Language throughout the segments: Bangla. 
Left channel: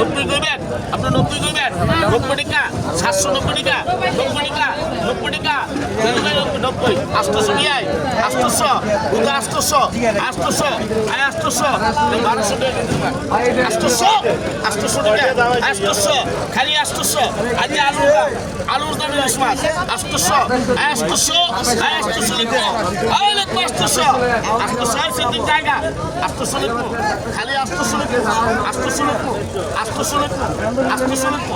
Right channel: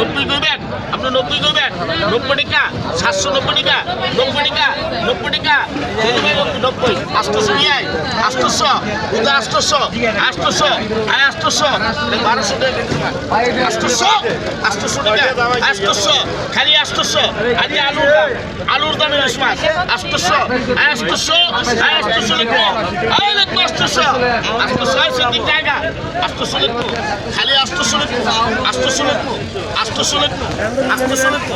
90 করবেন আপনি 90 করবেন 90 টাকা 790 টাকা 90 টাকা 90 টাকা 90 800 নিয়ে 800 উদা 800 800 আয় 800 1200 টাকা 800 টাকা 800 খালি 800 আজ আলুর দাম ইলিশ মাছ 800 আয় 800 আয় 800 লিখো আয় লিখো 800 800 সিদ্দিক জায়গা 800 লিখো খালি 800 লিখো 800 লিখো 800 লিখো 800 লিখো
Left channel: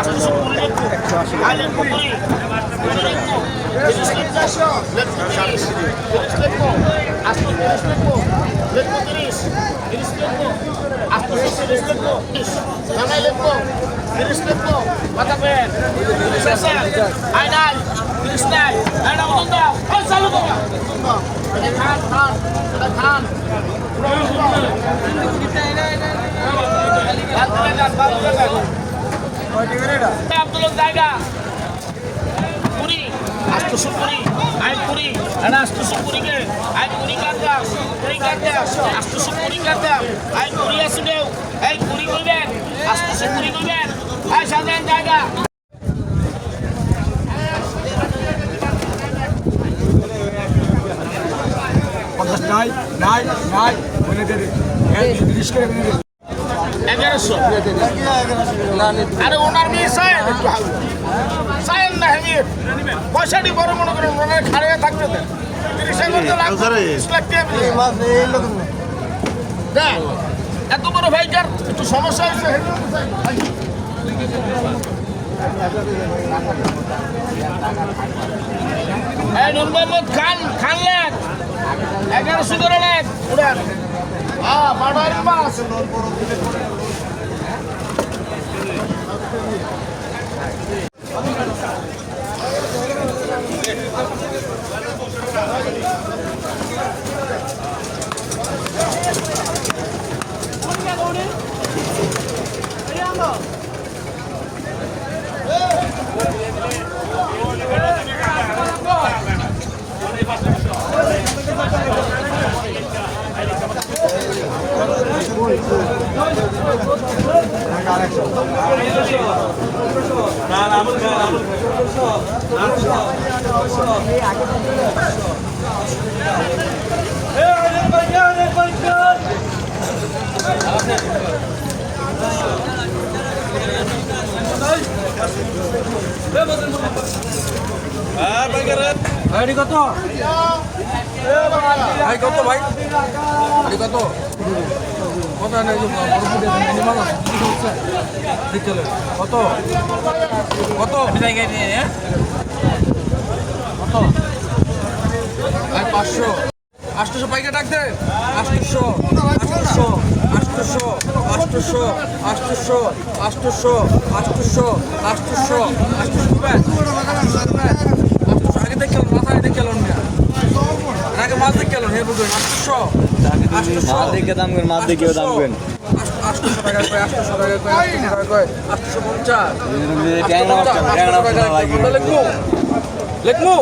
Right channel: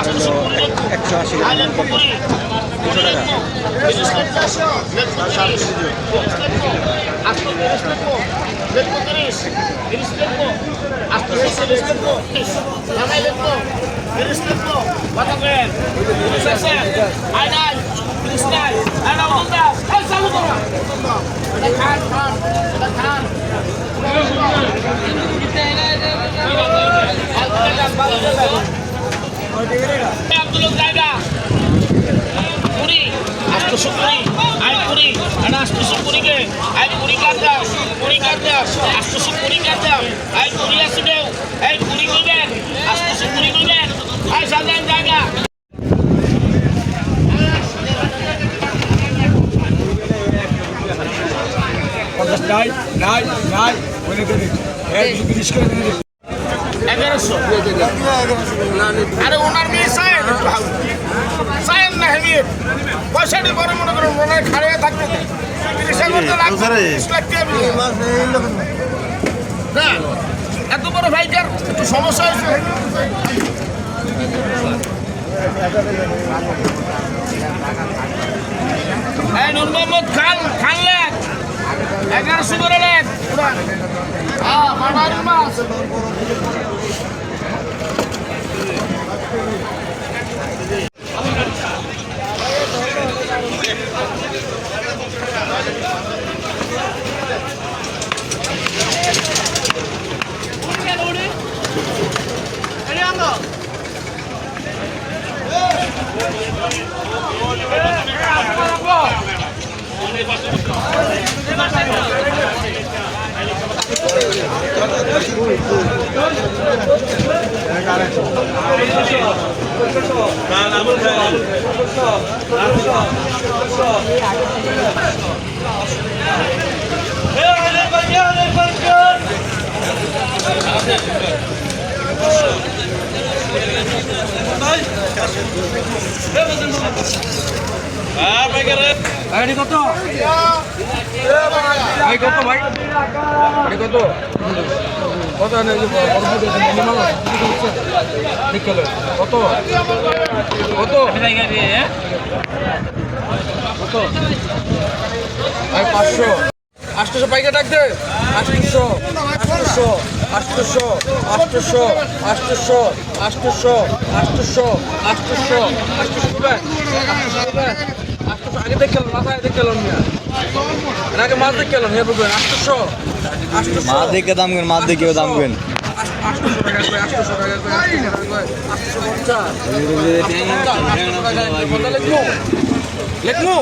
800 লিখো আয় লিখো পুরি পুরি লিখো 30 লিখো লিখো 30 লিখো 800 লিখো 30 লিখো 800 লিখো 30 লিখো Cristo, bota bem. Ai, ai, Cristai, era um bunda. Ai, saludo. Ada kan. Abdul Zaida. Puri, astu puri, ai puri, ada astu puri ke, ai puri kata, astu puri kata, ai puri asudeu, ai puri golben, astu puri golben. Hai সাধারণ জায়গা নাই নাই নাই বলে দেবে 130 করে দেবে 1100 আরে ওনার মেয়ে সাহেব একটু হাউ সাহেব না হেভি পয়সাটি বড় মনে করে মনে খাড়িয়ে থাকতে দেন 30 এর মধ্যে লাখ 30 লাখ টাকা বিল মাস এই লোক না এত বড় ভাইকার একটু সমস্যা হয়েছে এই নূর মোহাম্মদ খান লেখ 1100 করে লেখ পুরা মাড়ার মাছ আরে কত ভাই কত ভাই আরে কত কত মিনিমাম ঠিক আছে কত কত কত ভাই 500 800 পাইকা ডাক দে 800 800 800 800 800 800 800 800 800 আগে দেখলাম মাথা আগে দেখলাম না আগে মাছ দেখলাম এর বলবেন 800 800 মাছ দেখে দাম করেন মাছ দেখেও দাম করেন 800 টাকা 800 টাকা ট্যাংরা মাছ লাগবে লেখমু